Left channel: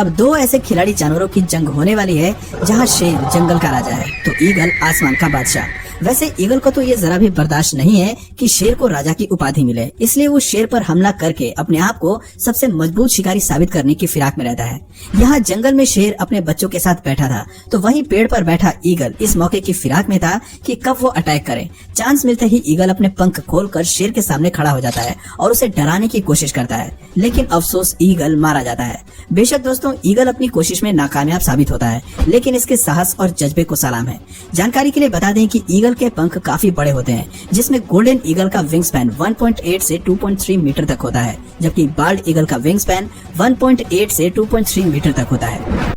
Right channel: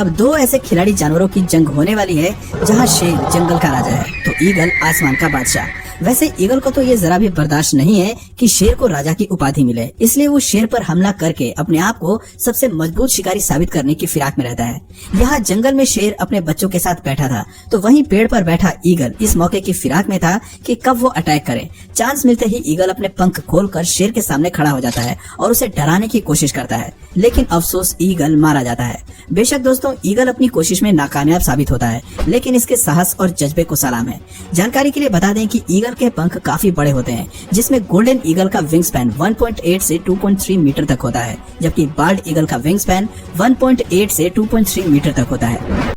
अब दो ऐसे खिलाड़ी जानवरों की जंग होने वाली है जहां शेर जंगल का राजा है तो ईगल आसमान का बादशाह। वैसे ईगल को तो ये जरा भी बर्दाश्त नहीं है कि शेर को राजा की उपाधि मिले, इसलिए वो शेर पर हमला करके अपने आप को सबसे मजबूत शिकारी साबित करने की फिराक में रहता है। यहाँ जंगल में शेर अपने बच्चों के साथ बैठा था तो वहीं पेड़ पर बैठा ईगल इस मौके की फिराक में था कि कब वो अटैक करे। चांस मिलते ही ईगल अपने पंख खोलकर शेर के सामने खड़ा हो जाता है और उसे डराने की कोशिश करता है, लेकिन अफसोस ईगल मारा जाता है। बेशक दोस्तों, ईगल अपनी कोशिश में नाकामयाब साबित होता है, लेकिन इसके साहस और जज्बे को सलाम है। जानकारी के लिए बता दें कि ईगल के पंख काफी बड़े होते हैं, जिसमें गोल्डन ईगल का विंग स्पैन 1.8 से 2.3 मीटर तक होता है, जबकि बाल्ड ईगल का विंग स्पैन 1.8 से 2.3 मीटर तक होता है।